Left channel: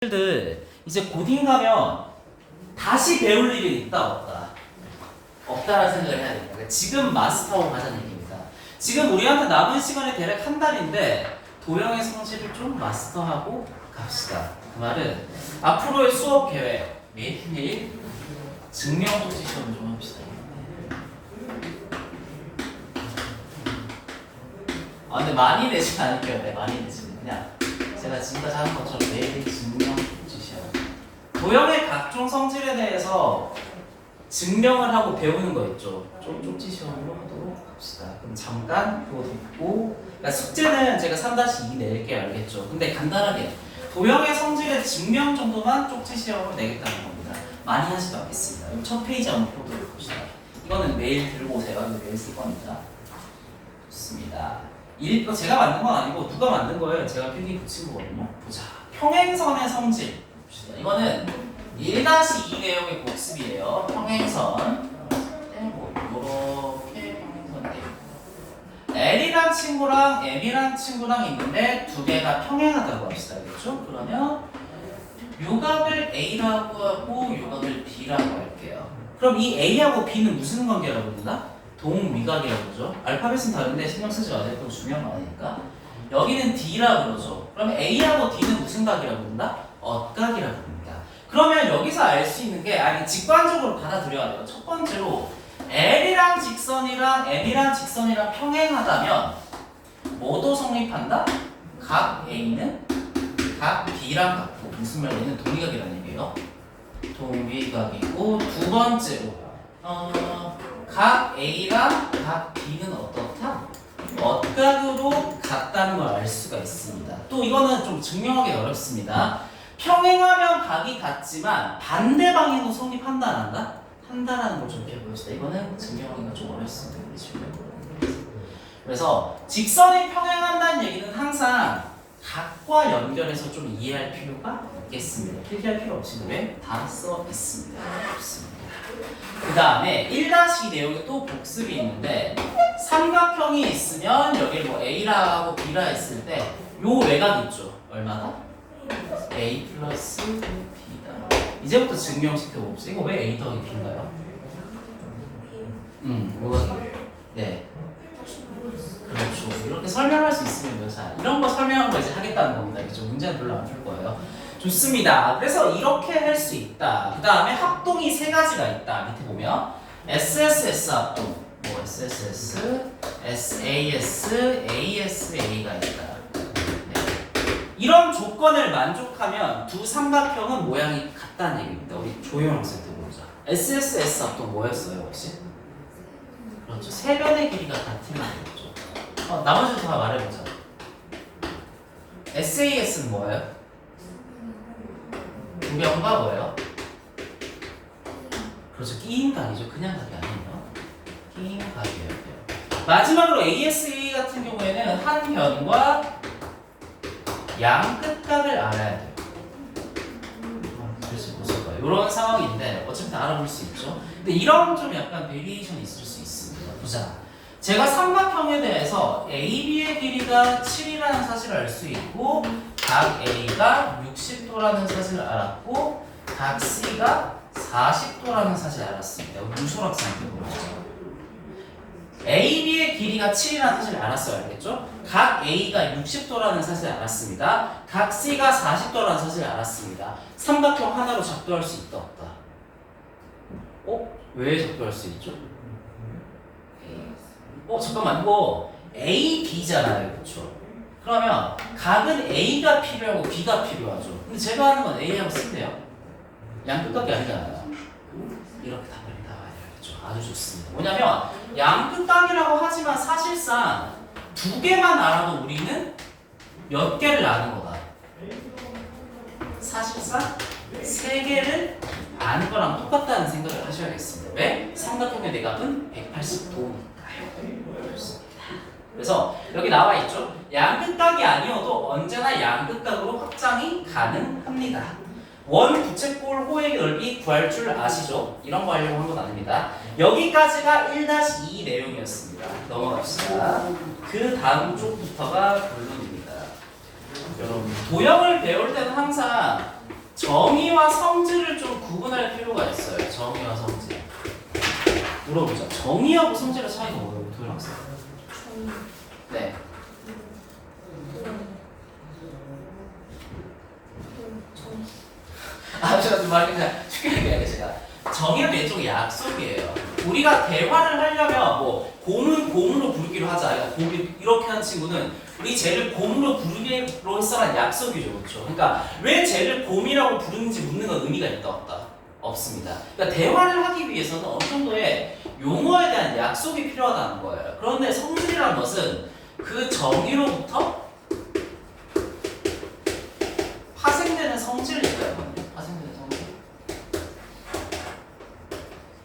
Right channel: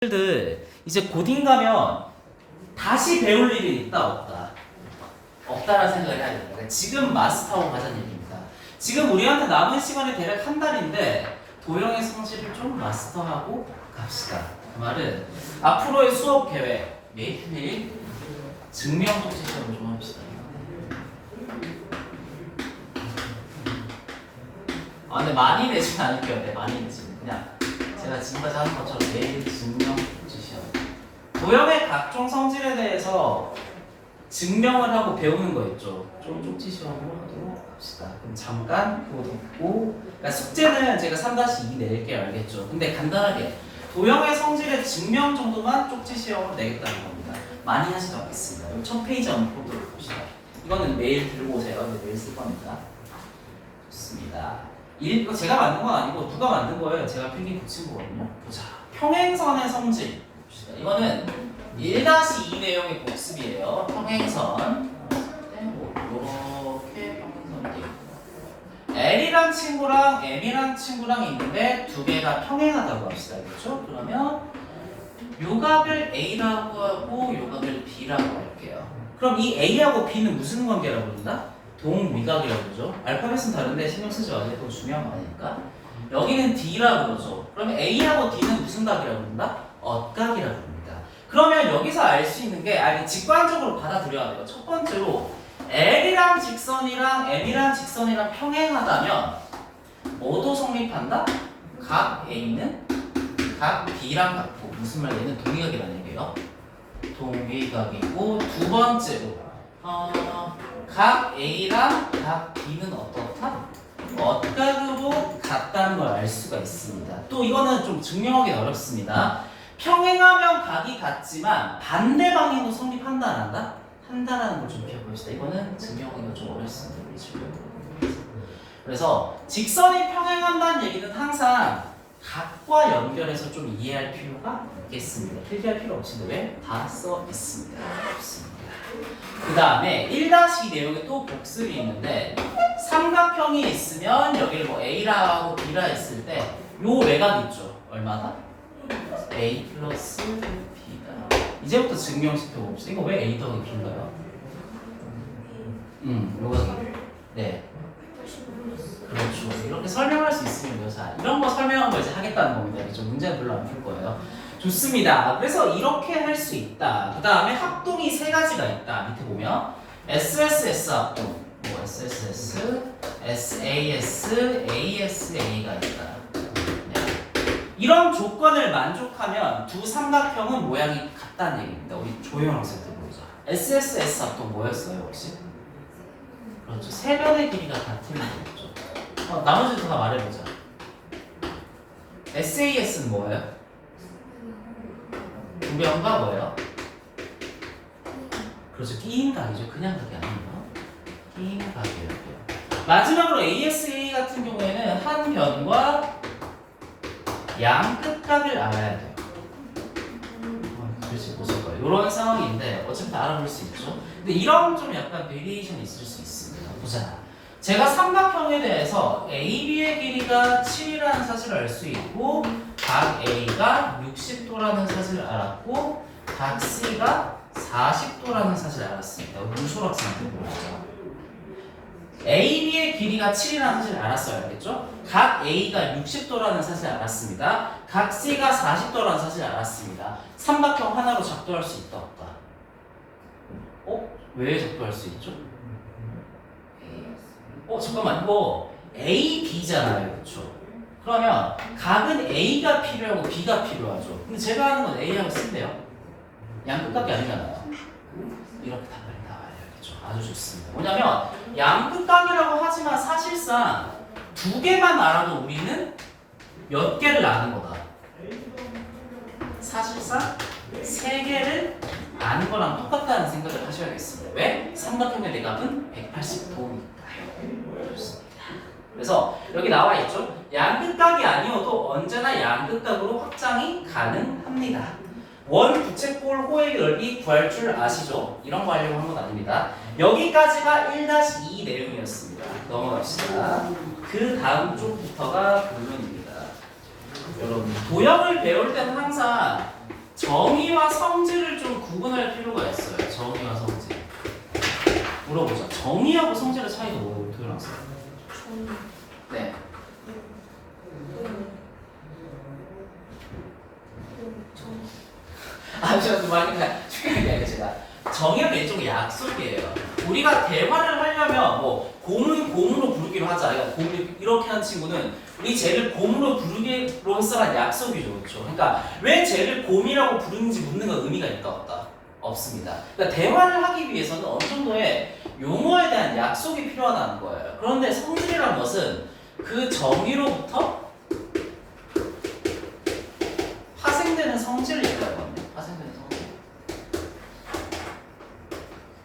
들 이제 고딩 가면 다시 배울 일이 있다 없다? 없다라는 생각을 해야 됩니다. 그러니까 지금 마스터하고 가자는 얘기입니다. 지금 우리한테 남은 시간이 대략 한 달인데 도형의 성질을 좀 마스터하고 갑시다. 그 말은 앞으로의 수업 계획 매일 증명 독지 시험을 좀 합시다. 근데 많이 내지 않을게요. 네, 많이 내지. 그냥 제가 지금까지 한 것처럼 매일 증명 독지 시험. 도형의 각종 성질에 대해서 증명을 하고 배우는 거 있죠. 좀 쪽지 시험으로 하도록 합시다. 그럼 잠깐 그거 듣고, 그러니까 숙제는 제가 3-2 낼게요. 알겠죠? 근데 간단하게 도형의 성질의 증명 정도만 쪽지 시험으로 내겠다는 겁니다. 많이 하지도 않겠습니다. 그럼 첫 페이지 한번 보도록 봅시다. 이거는 메일 들고 오세요. 이제 메일 쓸 겁니다. 좋습니다. 이거 제가 만든 건 아니고 누가 만든 거예요. 제가 필기 붙인 거거든요. 보자. 평행선의 성질. 봅시다. 이거는 1-2 내용의 복습이에요. 평행선. 이렇게 평행선 돼 있고. L이란 친구랑 M이란 친구랑 있는데 두 개가 평행하다고 합시다. 그렇죠? 그러면 요각을 A라고 하고 요각을 B라고 할게요. 그럼 이 A하고 B는 무슨 관계라고 부른다? 동위각이라고 그러죠. 알파벳은 다른데 신경 쓰지 마세요. 그건 중요한 거 아니니까. 여기는 D라고 그러죠. 그러면 A하고 D는 무슨 각이라고 부른다? 엇각이라고 부릅니다. 그러면 여기서 알 수 있는 게 직관적으로 받아들여야 돼요. 첫 번째로 L이랑 직선이랑 M이랑 직선이랑 평행하다면 뭐도 성립한다? 각 A는 각 B랑 같고, 무슨 말? 얘는 동위각이라는 얘기예요. 동위각이고, 두 번째로 각 A랑 각 B는 어떻다? 엇각으로 같다는 걸 알 수가 있습니다. 또 이거는 좀 증명하기 어렵습니다. 평행하면 각이 같지만 반대 방향으로 성립한다 안 한다? 한다라는 걸 좀 배워봅시다. 이거는 증명하기가 좀 어렵습니다. 그래서 직선이 평행한다는 얘기는 항상 각과 연결해서 좀 이해할 필요가 있겠습니다. 필기할 필요 없이 왜? 다 써 있습니다. 좋습니다. 그 다음에 1-2 내용에 또 복습이 있는데 삼각형이 있으면 여기 뭐 A라고 B라 했을 때 요 외곽 있죠. 얼마다? A 플러스 B다. 이제부터 증명시켜 봅시다. 이거 왜 A 더하기 B인가요? 이거 네. 그렇죠. 이렇게 설명할 수 있으면 자, 이런 거 설명하고 이제 하겠다는 겁니다. 이게 좀 문제는 별로 안 풀 거예요. 좋습니다. 그래서 이렇게 할 수 있다. 그 다음에 합동이 세 가지가 있다. 밑에 보면 SSS 합동, 뭐 SSS, SAS, ASA가 있다. 네. 이런 조건을 만족하면 두 삼각형은 모양이 같다는 얘기입니다. 우리 조용한 학생 들어보자. SSS 합동 뭐였어요 혹시? 그렇죠. 세 변의 길이가 같으면 되겠죠. 나머지도 다 말해보자. SAS는 뭐예요? 두 변과 뭐예요? 그렇죠. 끼인 각이죠. 그냥 각이 아니에요. 끼인 각이에요. 마지막으로 ASA 같은 경우에는 한 변과 양 끝각을 알아야 돼요. 글씨 보실 거예요. 이런 상황인데 어차피 다 알아볼 수 있죠. 근데 이런 좀 약간 베리에이션이 있을 수 있습니다. 보자. 제가 삼각형에 대해서 AB의 길이가 7이라는 사실을 알 수 있고, 각 A가 60도라는 사실을 알았고, 각 C가 40도라는 사실을 알았습니다. 무소학생한테 보시죠. AB의 길이가 7이라는 사실을 알았어요. 알겠죠? 각 A가 60도라는 사실을 알았습니다. 각 C가 40도라는 사실을 알았습니다. 삼각형 하나로 작동할 수 있다 없다? 왜 작동할 수 있죠? 잠깐만, 이거 A, B잖아요. 그렇죠? 그러면 각은 A가 필요하고 B가 필요하죠. 근데 제가 하는 건 A하고 C인데요. 양 끝각이 아니잖아요. 이렇게 답변이 나와요. 그렇죠? 아주 좋습니다. 뭐냐면 양 끝각이라고 하지만 사실상 두 개만 알아도 우리는 몇 개를 아는 거다. 사실상 세 개를 아는 거랑 똑같다는 생각을 하셔야겠습니다. 왜? 삼각형의 내각은 180도니까요. 그래서 여기 나와 있죠. 양끝각이 아니어도 언제나 양끝각으로 확장이 가능합니다. 원 부채꼴 호의 넓이 구할 줄 아시죠? 이런 거 하려고 한 건 아닙니다. 여기까지가 1-2 내용이었습니다. 넘어갑시다. 그 다음 쪽부터가 본론입니다. 여러분 도형을 배울 때는 항상 정의와 성질을 좀 구분할 필요가 있어요. 정의와 성질. 물어보자. 정의하고 성질의 차이가 뭐예요, 도현 학생? 네. 제가 말 그냥 쉽게 얘기해요. 제가 정의는 일종의 약속이에요. 우리가 대화를 하려면 뭐 곰으로 부르기로 하자. 곰이 이렇게 하는 친구는 우리 쟤를 곰으로 부르기로서란 약속이죠, 그렇죠? 그러니까 왜 쟤를 곰이라고 부르는지 묻는 건 의미가 있다 없다? 없습니다. 그러니까 대화를 하기 위해서는 어느 정도의 용어에 대한 약속이 필요하다는 거예요. 그런데 성질이라는 것은 그 정의로부터 파생되는 성질을 얘기하거든요. 파생되는 성질.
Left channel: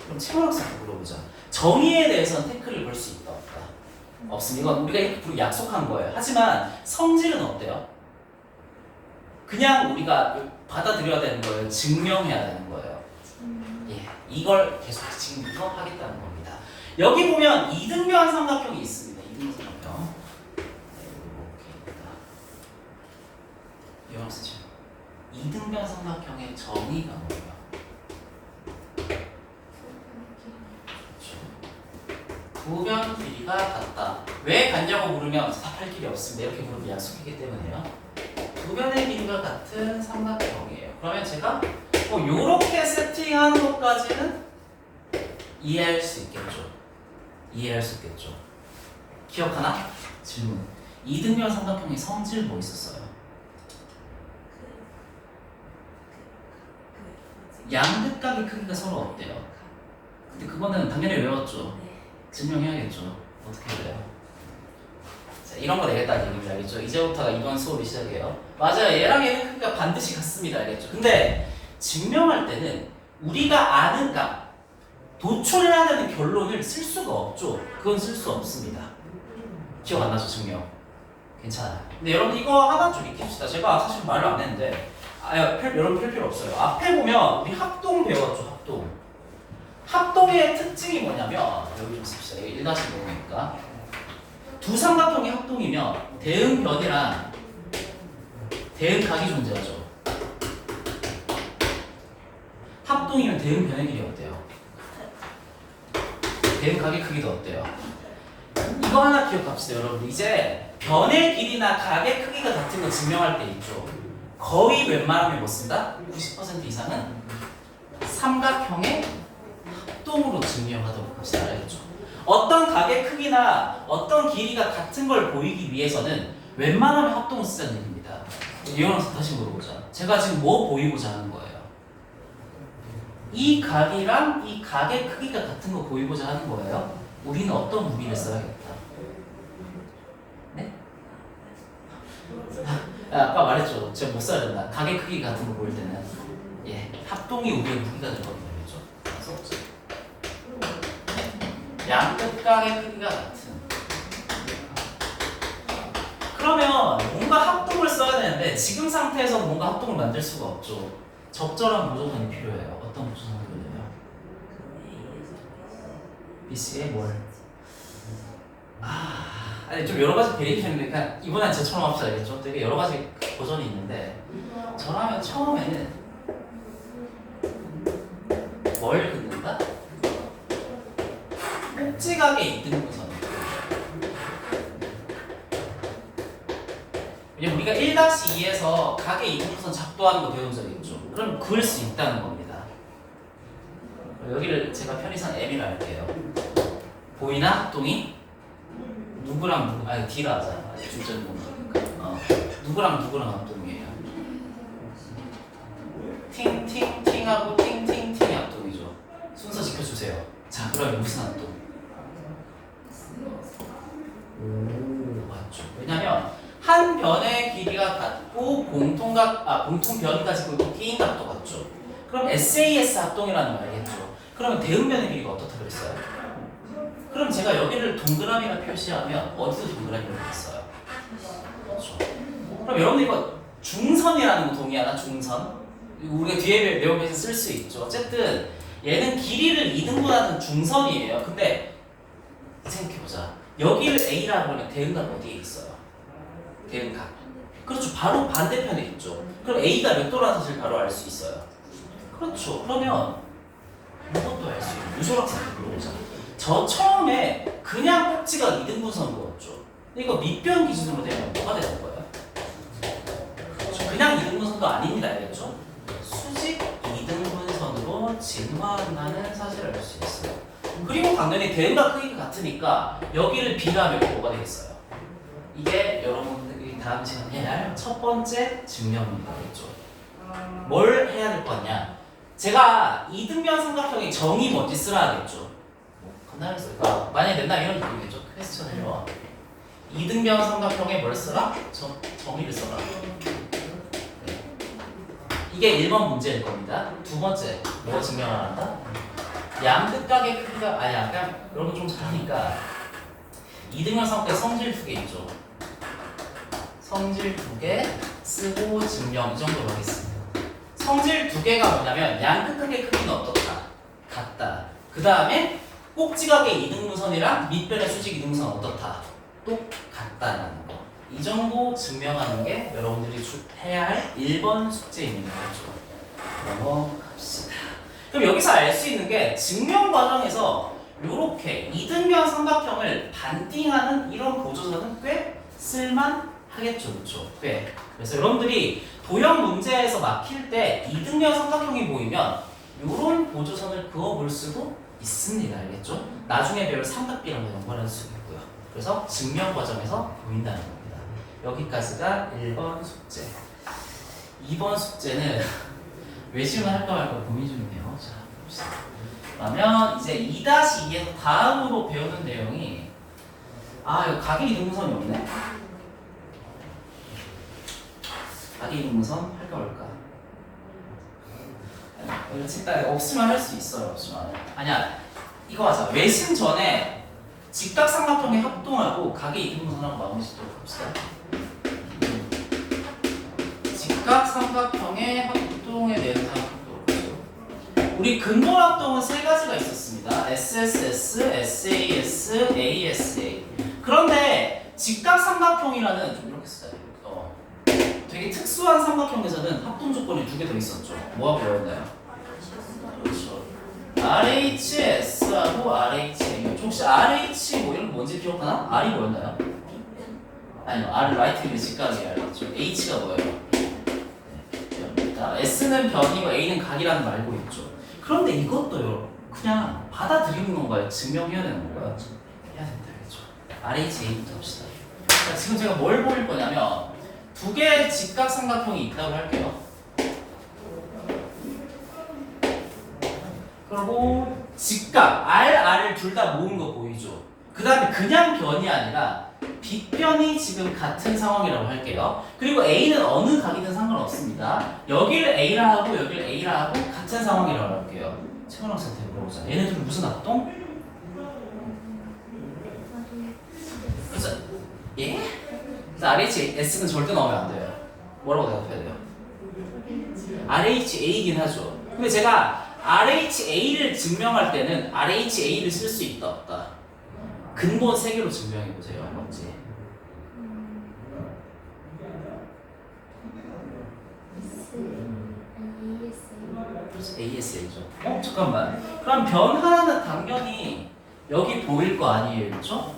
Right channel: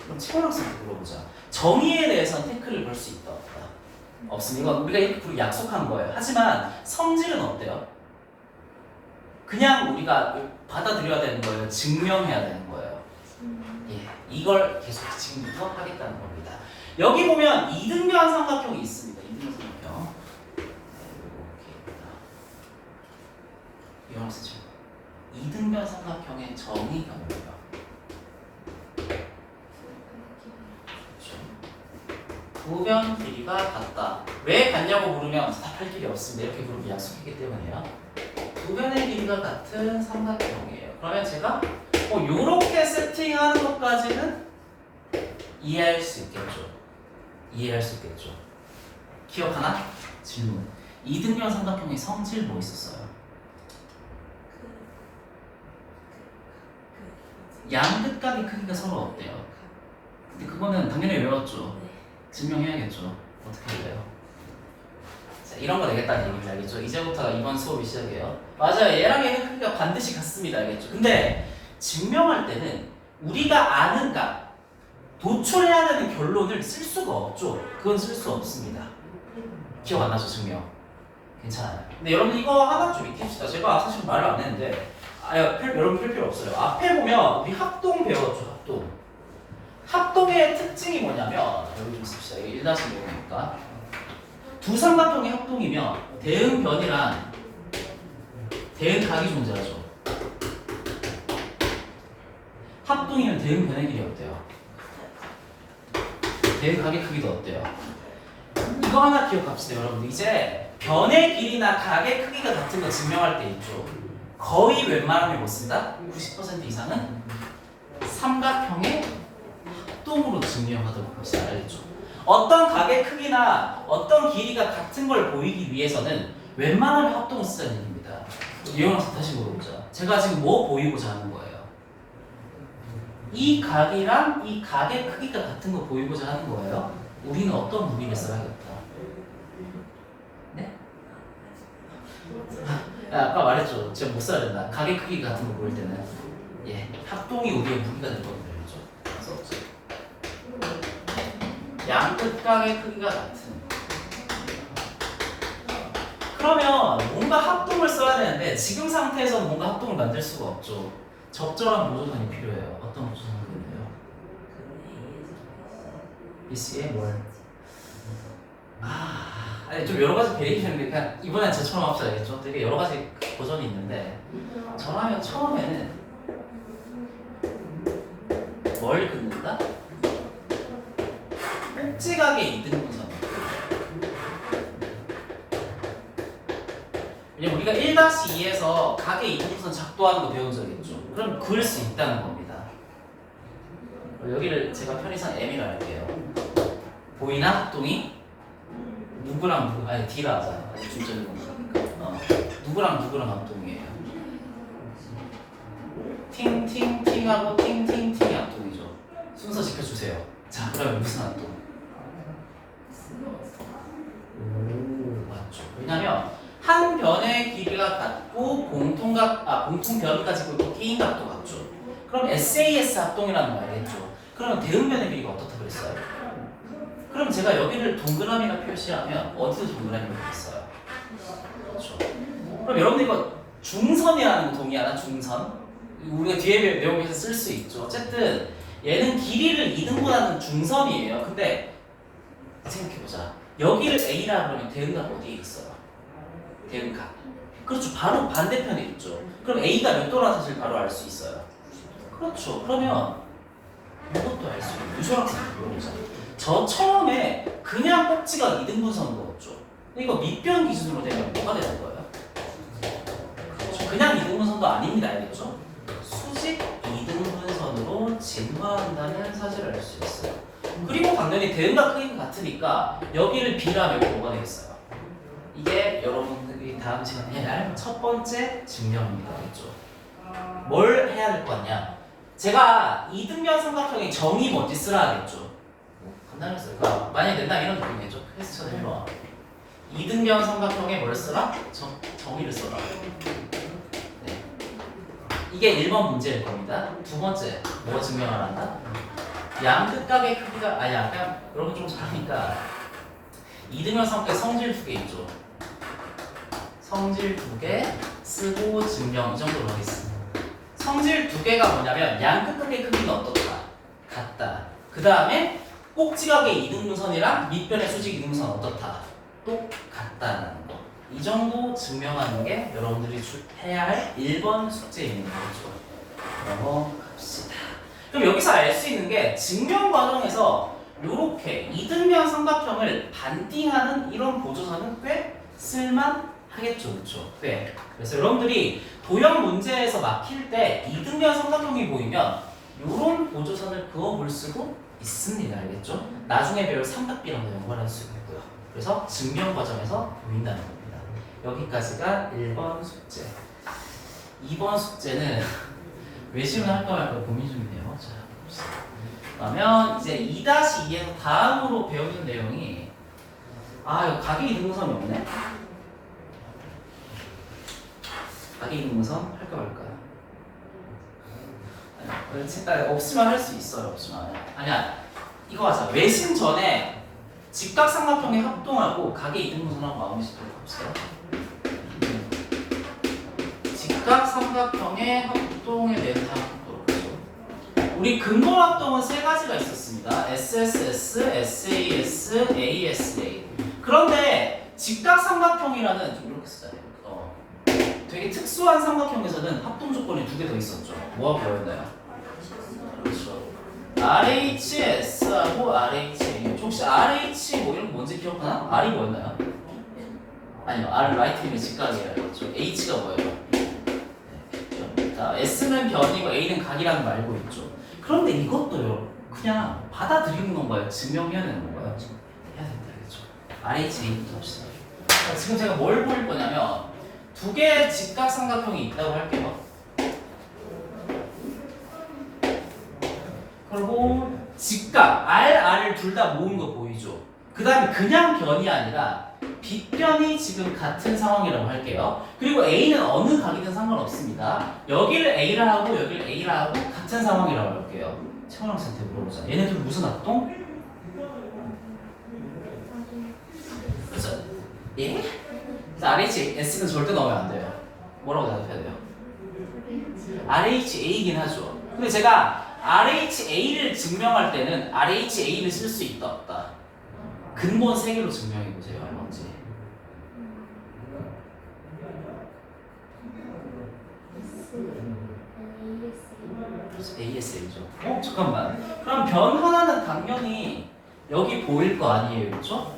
그럼 최원 학생한테 물어보자. 정의에 대해서는 태클을 걸 수 있다 없다? 없습니다. 이건 우리가 이렇게 약속한 거예요. 하지만 성질은 어때요? 그냥 우리가 받아들여야 되는 거예요. 증명해야 되는 거예요. 예, 이걸 계속 지금부터 하겠다는 겁니다. 여기 보면 이등변 삼각형이 있습니다. 이등변 삼각형. 이런 쓰죠. 이등변 삼각형의 정의가 뭐예요? 부변 길이가 같다. 왜 같냐고 물으면 답할 길이 없습니다. 이렇게 물으면 약속이기 때문에요. 부변의 길이가 같은 삼각형이에요. 그러면 제가 요렇게 세팅하는 것까지는 이해할 수 있겠죠. 이해할 수 있겠죠. 기억하나? 질문. 이등변 삼각형의 성질 뭐 있었어요? 양끝각의 크기가 서로 없대요. 근데 그거는 당연히 외웠죠. 증명해야겠죠. 어떻게 해야 돼요? 자, 이런 거 되겠다는 얘기입니다. 알겠죠? 이제부터가 이번 수업이 시작이에요. 맞아요. 얘랑 얘는 크기가 반드시 같습니다. 알겠죠? 근데 증명할 때는 우리가 아는 각, 도출해야 되는 결론을 쓸 수가 없죠. 그건 쓸 수 없습니다. 기억 안 나죠? 증명. 괜찮아요. 근데 여러분 이거 하나 좀 익힙시다. 제가 사실 말을 안 했는데 여러분 필 필요 없어요. 앞에 보면 우리 합동 배웠죠. 합동. 합동의 특징이 뭐냐면 여기 좀 씁시다. 이게 1다시 내용이니까 두 삼각형의 합동이면 대응변이랑 대응각이 존재하죠. 합동이면 대응변의 길이 어때요? 대응각의 크기도 어때요? 이거 하나 기억합시다. 여러분들 이제 변의 길이나 각의 크기가 같은 거 증명할 때 있죠. 거의 웬만하면 못 쓴다? 90% 이상은 삼각형의 합동으로 증명하도록 합시다. 알겠죠? 어떤 각의 크기나 어떤 길이가 같은 걸 보이기 위해서는 웬만하면 합동을 쓰자는 얘기입니다. 이영학생 다시 물어보자. 제가 지금 뭐 보이고자 하는 거예요? 이 각이랑 이 각의 크기가 같은 거 보이고자 하는 거예요? 우리는 어떤 무기를 써야겠다? 네? 아까 말했죠. 제가 못 써야 된다. 각의 크기 같은 거 보일 때는 합동이 우리의 무기가 될 겁니다. 그렇죠? 양끝각의 크기가 같은. 그러면 뭔가 합동을 써야 되는데 지금 상태에서 뭔가 합동을 만들 수가 없죠. 적절한 보조선이 필요해요. 어떤 보조선이거든요? BC의 뭘? 아니 좀 여러 가지 베리에이션인데 그냥 이번엔 저처럼 합시다. 알겠죠? 되게 여러 가지 버전이 있는데 저라면 처음에는 뭘 긋는다? 꼭지각의 이등분선. 왜냐면 우리가 1-2에서 각의 이등분선 작도하는 거 배운 적 있죠. 그럼 그을 수 있다는 겁니다. 여기를 제가 편의상 M이라 할게요. 보이나? 합동이? 누구랑 누구? 아니 D라 하자. 중점 누구랑 누구랑 합동이에요? 팅팅팅하고 팅팅팅이 합동이죠. 순서 지켜주세요. 자, 그러면 무슨 합동? 맞죠. 왜냐면 한 변의 길이가 같고 공통변이 가지고 있고 게임각도 같죠. 그럼 SAS 합동이라는 말이겠죠. 그러면 대응변의 길이가 어떻다 그랬어요? 그럼 제가 여기를 동그라미라 표시하면 어디서 동그라미를 했어요? 그렇죠. 그럼 여러분들 이거 중선이라는 거 동의하나? 중선? 우리가 뒤에 내용에서 쓸 수 있죠. 어쨌든 얘는 길이를 2등분하는 중선이에요. 근데 생각해보자. 여기를 A라고 하면 대응각 어디에 있어요? 대응각. 그렇죠. 바로 반대편에 있죠. 그럼 A가 몇 도라는 사실 바로 알 수 있어요. 그렇죠. 그러면 이것도 알 수 있는 유솔학생한테 물어보자. 저 처음에 그냥 꼭지가 이등분선 거였죠. 이거 밑변 기준으로 되면 뭐가 되는 거예요? 그렇죠. 그냥 이등분선도 아닙니다. 알겠죠? 수직 이등분선으로 진화한다는 사실을 알 수 있어요. 그리고 당연히 대응과 크기가 같으니까 여기를 B라면 뭐가 되겠어요? 이게 여러분들이 다음 시간에 해야 할 첫 번째 증명입니다. 그렇죠? 뭘 해야 될 거 같냐? 제가 이등변 삼각형의 정의 뭔지 쓰라 하겠죠. 간단했어요. 그러니까 만약에 낸다 이런 느낌이겠죠. 퀘스천 해봐. 이등변 삼각형에 뭘 써라? 정의를 써라. 네. 이게 1번 문제일 겁니다. 두 번째, 뭐 증명을 한다? 양끝각의 크기가 아니야. 그냥 여러분 좀 잘하니까 이등변 삼각형 성질 두 개 있죠. 성질 두 개 쓰고 증명 이 정도로 하겠습니다. 성질 두 개가 뭐냐면 양끝각의 크기는 어떻다? 같다. 그 다음에 꼭지각의 이등분선이랑 밑변의 수직 이등분선 어떻다? 똑같다라는 거. 이 정도 증명하는 게 여러분들이 해야 할 1번 숙제입니다. 그렇죠? 넘어갑시다. 그럼 여기서 알 수 있는 게 증명 과정에서 이렇게 이등변 삼각형을 반띵하는 이런 보조선은 꽤 쓸만하겠죠. 그렇죠? 꽤. 그래서 여러분들이 도형 문제에서 막힐 때 이등변 삼각형이 보이면 이런 보조선을 그어볼 수도 있습니다. 알겠죠? 나중에 배울 삼각비랑도 연관할 수 있고요. 그래서 증명 과정에서 보인다는 겁니다. 여기까지가 1번 숙제. 2번 숙제는 외시문 할까 말까 고민 중이네요. 자, 봅시다. 그러면 이제 2-2에서 다음으로 배우는 내용이 이거 각의 이등분선이 없네? 각의 이등분선 할까 말까? 일단 없으면 할 수 있어요. 없으면. 아니야. 이거 하자. 외심 전에 직각삼각형의 합동하고 각의 이등분선하고 마무리 짓도록 합시다. 직각삼각형의 합동에 대해서 생각해보도록 하죠. 우리 근본 합동은 세 가지가 있었습니다. SSS, SAS, ASA. 그런데 직각삼각형이라는 좀 이렇게 쓰자. 되게 특수한 삼각형에서는 합동 조건이 두 개 더 있었죠. 뭐가 뭐였나요? 그렇죠. RHS하고 RHA. 혹시 RH 뭐 이런 거 뭔지 기억하나? R이 뭐였나요? 아니요, R 라이트님의 직각이에요. 그렇죠. H가 뭐예요? 네, 자, S는 변이고 A는 각이라는 거 알고 있죠. 그런데 이것도요, 그냥 받아들이는 건가요? 증명해야 되는 건가요? 해야 된다, 그렇죠. RHA부터 합시다. 자, 지금 제가 뭘 보일 거냐면 두 개의 직각삼각형이 있다고 할게요. 그리고 직각, R을 둘 다 모은 거 보이죠? 그 다음에 그냥 변이 아니라 빗변이 지금 같은 상황이라고 할게요. 그리고 A는 어느 각이든 상관없습니다. 여기를 A라 하고 여기를 A라 하고 같은 상황이라고 할게요. 최원학 선생한테 물어보자. 얘네들 무슨 합동? 그래서 예? 그래서 RHS는 절대 넣으면 안 돼요. 뭐라고 대답해야 돼요? RHA이긴 하죠. 근데 제가 RHA를 증명할 때는 RHA를 쓸 수 있다 없다. 근본 3개로 증명해 보세요. 뭔지. ASA죠. 잠깐만. 그럼 변 하나는 당연히 여기 보일 거 아니에요, 그렇죠?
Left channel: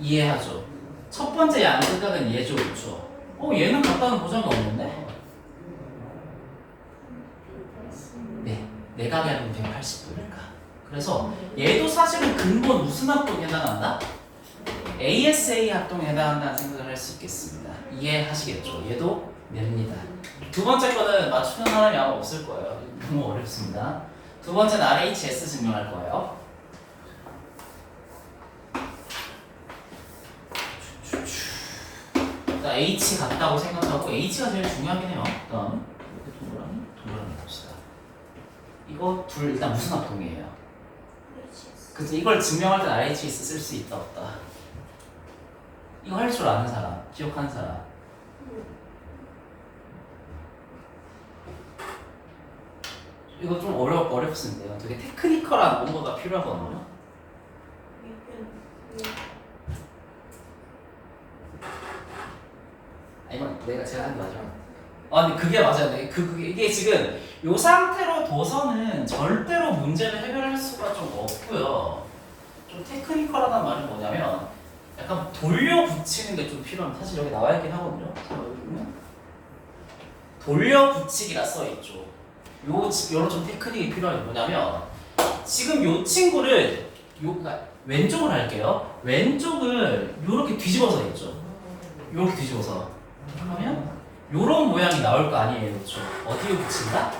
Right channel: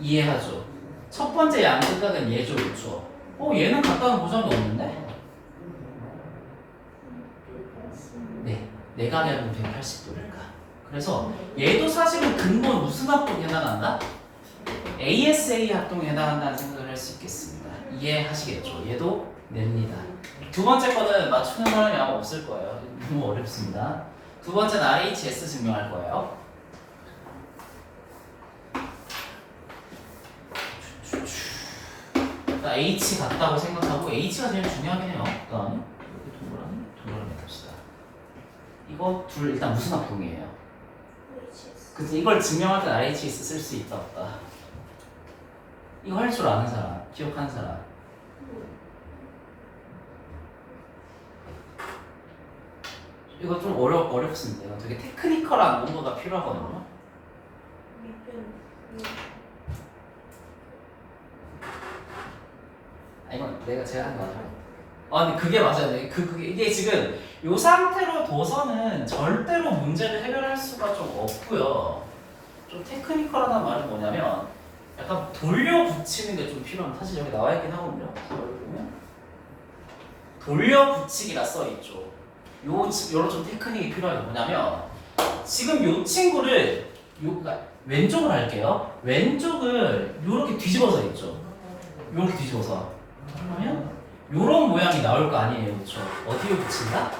이해하죠. 첫 번째 양극각은 얘죠, 그렇죠? 얘는 같다는 보장이 없는데? 네, 내각이 아니면 180도니까. 그래서 얘도 사실은 근본 무슨 합동에 해당한다? ASA 합동에 해당한다는 생각을 할 수 있겠습니다. 이해하시겠죠? 얘도 냅니다. 두 번째 거는 맞추는 사람이 아마 없을 거예요. 너무 어렵습니다. 두 번째는 RHS 증명할 거예요. 자, H 같다고 생각하고 H가 제일 중요하긴 해요. 그다음 동그라미 봅시다. 이거 둘 일단 무슨 합동이에요? 그래서 이걸 증명할 때 RHS 쓸 수 있다 없다. 이거 할 줄 아는 사람, 기억하는 사람. 이거 좀 어렵습니다. 되게 테크니컬한 뭔가가 필요하거든요. 아니 제가 한 게 맞아요. 근데 그게 맞아요. 이게 지금 이 상태로 둬서는 절대로 문제를 해결할 수가 좀 없고요. 좀 테크니컬하다는 말은 뭐냐면 약간 돌려 붙이는 게 좀 필요합니다. 사실 여기 나와 있긴 하거든요. 자, 여기 보면 돌려 붙이기라 써 있죠. 요런 좀 테크닉이 필요한 게 뭐냐면 지금 요 친구를 그러니까 왼쪽을 할게요. 왼쪽을 요렇게 뒤집어서 있죠. 요렇게 뒤집어서 그러면 요런 모양이 나올 거 아니에요, 그렇죠? 어디에 붙인다?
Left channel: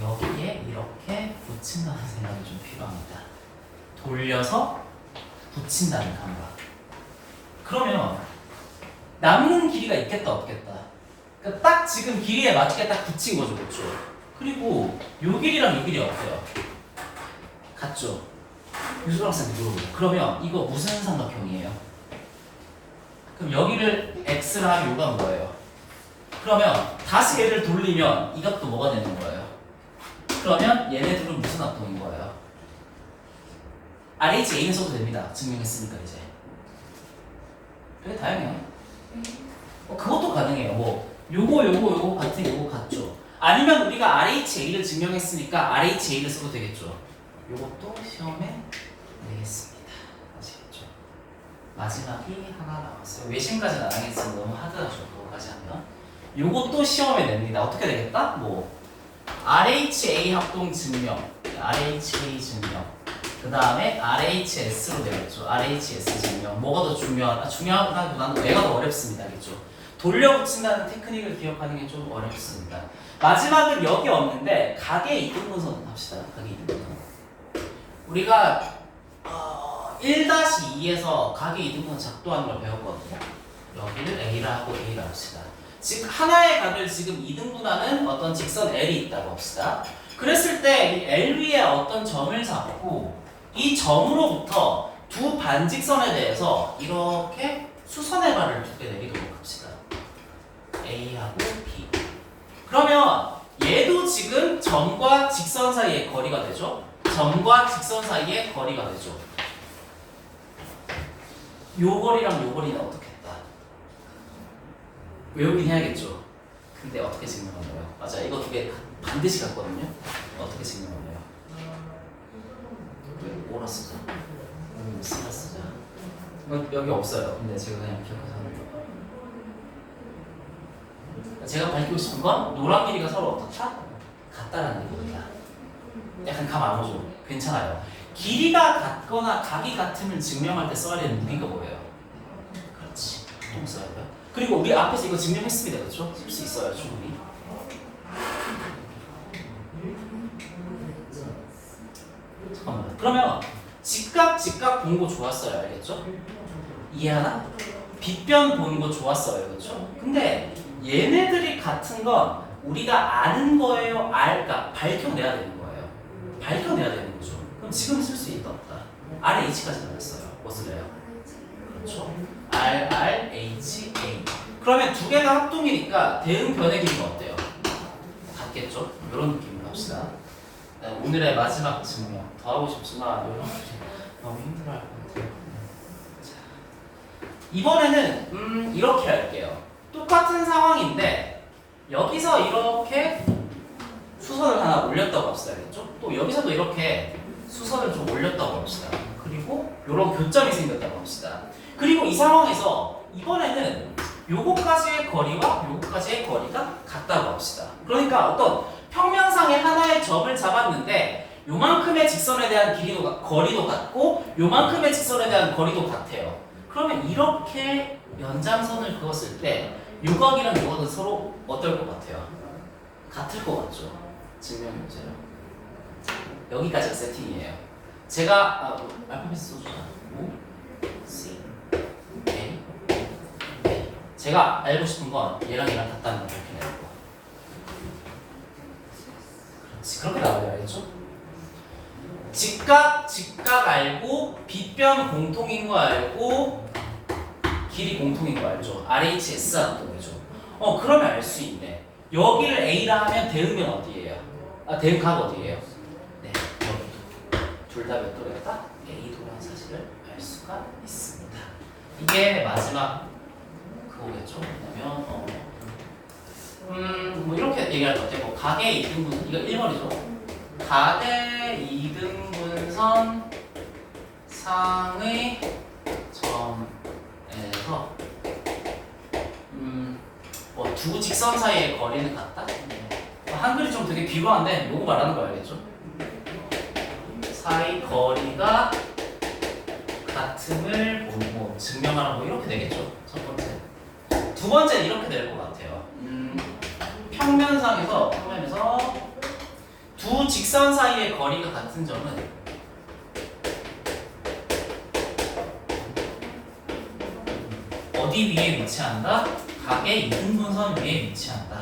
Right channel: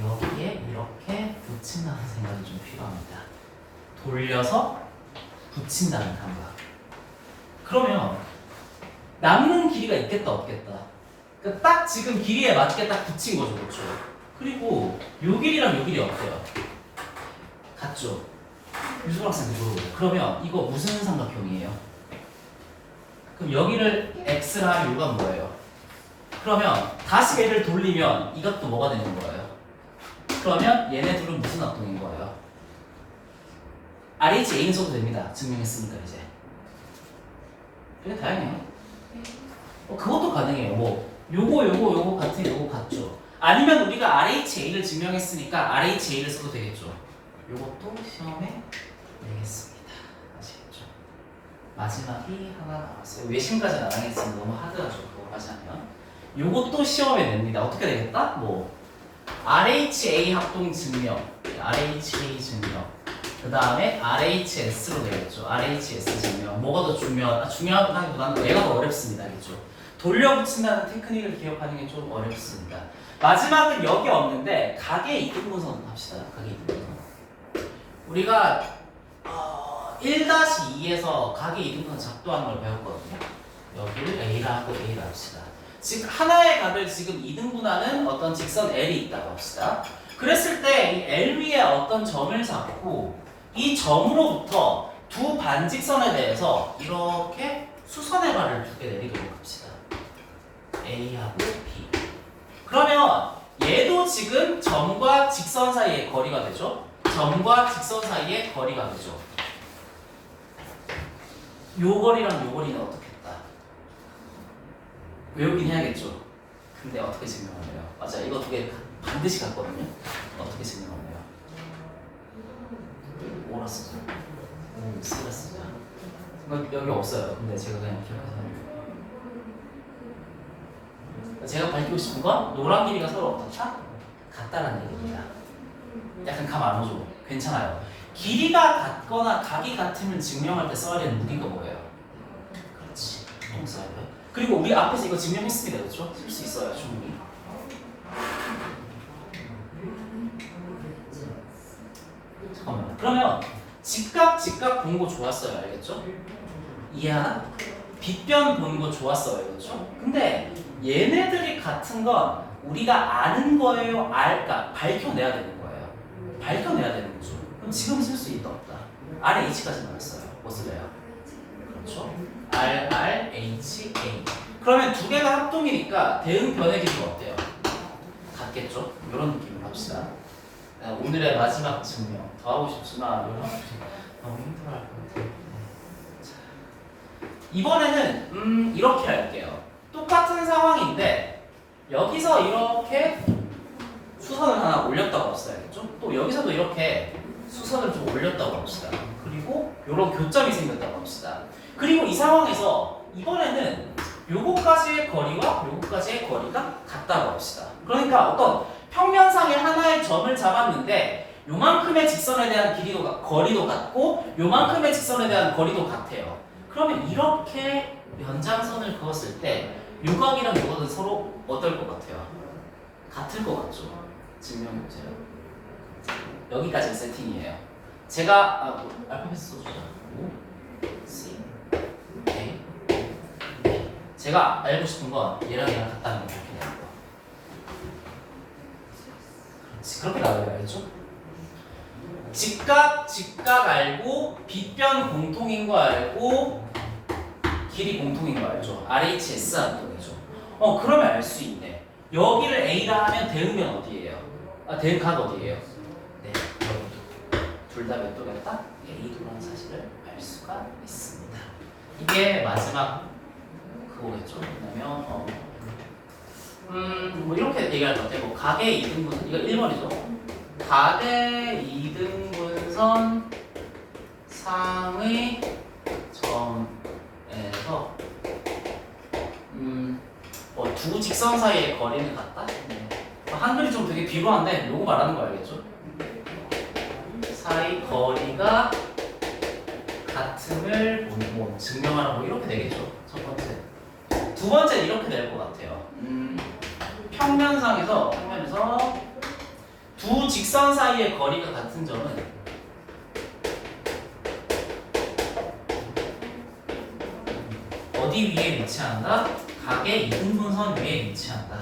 여기에 이렇게 붙인다는 생각이 좀 필요합니다. 돌려서 붙인다는 감각. 그러면 남는 길이가 있겠다 없겠다. 그러니까 딱 지금 길이에 맞게 딱 붙인 거죠, 그렇죠? 그리고 요 길이랑 요 길이 어때요? 같죠? 유수학생들 물어보죠. 그러면 이거 무슨 삼각형이에요? 그럼 여기를 x를 하면 요가 뭐예요? 그러면 다시 얘를 돌리면 이것도 뭐가 되는 거예요? 그러면 얘네 둘은 무슨 합동인 거예요? RHA는 써도 됩니다. 증명했으니까 이제. 되게 다양해요. 그것도 가능해요. 뭐 요거 같은 요거 같죠. 아니면 우리가 RHA를 증명했으니까 RHA를 써도 되겠죠. 요것도 시험에 내겠습니다. 아시겠죠? 마지막이 하나 나왔어요. 외신까지는 안 하겠지만 너무 하드하죠. 그거까지 하면. 요것도 시험에 냅니다. 어떻게 되겠다? 뭐 RHA 합동 증명, RHA 증명, 그 다음에 RHS로 되겠죠. RHS 증명. 뭐가 더 중요하다기보다는 얘가 더 어렵습니다. 알겠죠? 돌려 붙인다는 테크닉을 기억하는 게 좀 어렵습니다. 마지막은 여기 없는데 각의 이등분선 합시다. 각의 이등분선. 우리가 1-2에서 각의 이등분선 작도하는 걸 배웠거든요. 여기를 A라 하고 A라 합시다. 즉 하나의 각을 지금 이등분하는 어떤 직선 L이 있다고 합시다. 그랬을 때 이 L 위에 어떤 점을 잡고 이 점으로부터 두 반직선에 대해서 이렇게 수선의 발을 두 개 내리도록 합시다. A하고 B. 그러면 얘도 지금 점과 직선 사이의 거리가 되죠. 점과 직선 사이의 거리가 되죠. 요 거리랑 요 거리는 어떻게 했다? 외우긴 해야겠죠. 근데 어떻게 증명하나요? 맞아, 이거 두 개 반드시 같거든요. 어떻게 증명하나요? 뭐라 쓰자? 쓰라 쓰자. 여기 없어요. 근데 제가 그냥 기억해서 하는 거예요. 제가 밝히고 싶은 건 노란 길이가 서로 어떻다? 같다라는 얘기입니다. 약간 감 안 오죠? 괜찮아요. 길이가 같거나 각이 같음을 증명할 때 써야 되는 무기가 뭐예요? 그렇지. 똥 써야 돼요. 그리고 우리 앞에서 이거 증명했습니다. 그렇죠? 쓸 수 있어요. 충분히. 잠깐만요. 그러면 직각 본 거 좋았어요. 알겠죠? 이해하나? 빗변 본 거 좋았어요. 그렇죠? 근데 얘네들이 같은 건 우리가 아는 거예요? 그러니까 밝혀내야 되는 거예요. 밝혀내야 되는 거죠. 그럼 지금 쓸 수 있다 없다? RH까지 나왔어요. 뭐 쓸래요? 그렇죠? RRHA. 그러면 두 개가 합동이니까 대응 변의 기준 어때요? 같겠죠? 이런 느낌으로 합시다. 오늘의 마지막 증명. 더 하고 싶지만 이런 너무 힘들어할 것 같아요. 이번에는 이렇게 할게요. 똑같은 상황인데 여기서 이렇게 수선을 하나 올렸다고 합시다. 알겠죠? 또 여기서도 이렇게 수선을 좀 올렸다고 합시다. 그리고 이런 교점이 생겼다고 합시다. 그리고 이 상황에서 이번에는 요거까지의 거리와 요거까지의 거리가 같다고 합시다. 그러니까 어떤 평면상의 하나의 점을 잡았는데 요만큼의 직선에 대한 거리도 같고 요만큼의 직선에 대한 거리도 같아요. 그러면 이렇게 연장선을 그었을 때 요각이랑 요각은 서로 어떨 것 같아요? 같을 것 같죠? 증명 문제요. 여기까지 세팅이에요. 제가 알파벳 써주자. O, C, A, A. 제가 알고 싶은 건 얘랑 얘랑 같다는 걸 밝혀내는 거. 그렇지, 그렇게 나와야 알겠죠? 직각 알고 빗변 공통인 거 알고 길이 공통인 거 알죠? RHS 합동이죠. 그러면 알 수 있네. 여기를 A라 하면 대응면 어디예요? 대응각 어디예요? 네, 여기. 둘 다 몇 도겠다? A도라는 사실을 알 수가 있습니다. 이게 마지막 갖고 오겠죠. 왜냐면 뭐 이렇게 얘기할 것 같아요. 뭐 가계 2등분 이거 1번이죠. 가계 2등분선 상의 점에서 뭐 두 직선 사이의 거리는 같다. 한글이 좀 되게 비범한데 요거 말하는 거 알겠죠? 사이 거리가 같음을 뭐 증명하라 뭐 이렇게 되겠죠. 첫 번째. 두 번째는 이렇게 될 것 같아요. 평면에서 두 직선 사이의 거리가 같은 점은 어디 위에 위치한다? 각의 이등분선 위에 위치한다.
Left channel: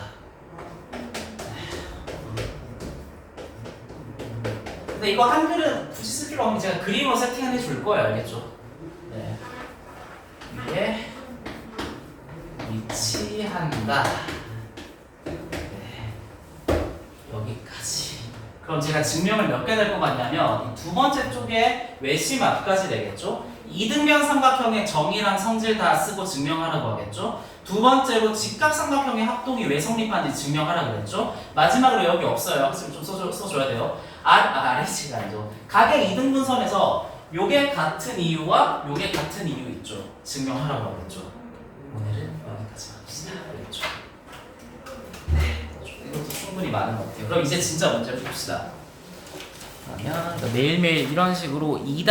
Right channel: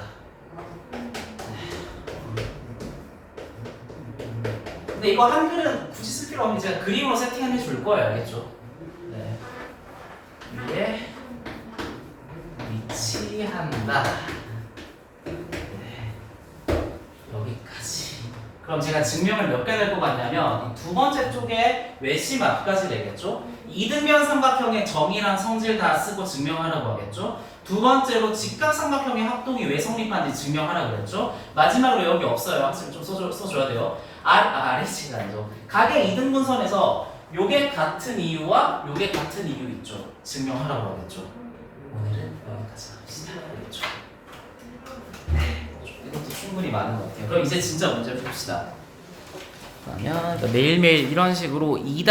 근데 이거 한글은 굳이 쓸 필요 없는데 제가 그림으로 세팅해 줄 거예요. 알겠죠? 네. 위에 위치한다. 네. 여기까지. 그럼 제가 증명을 몇 개 될 것 같냐면 두 번째 쪽에 외심 앞까지 되겠죠? 이등변 삼각형의 정의랑 성질 다 쓰고 증명하라고 하겠죠? 두 번째로 직각삼각형의 합동이 왜 성립하는지 증명하라고 그랬죠? 마지막으로 여기 없어요. 학생 좀 써줘야 돼요. RH가 아니죠. 각의 이등분선에서 요게 같은 이유와 요게 같은 이유 있죠. 증명하라고 하겠죠. 오늘은 여기까지 합시다. 알겠죠? 네, 이것도 충분히 많은 것 같아요. 그럼 이제 진짜 문제를 봅시다. 그러면 매일매일 이런 식으로 2-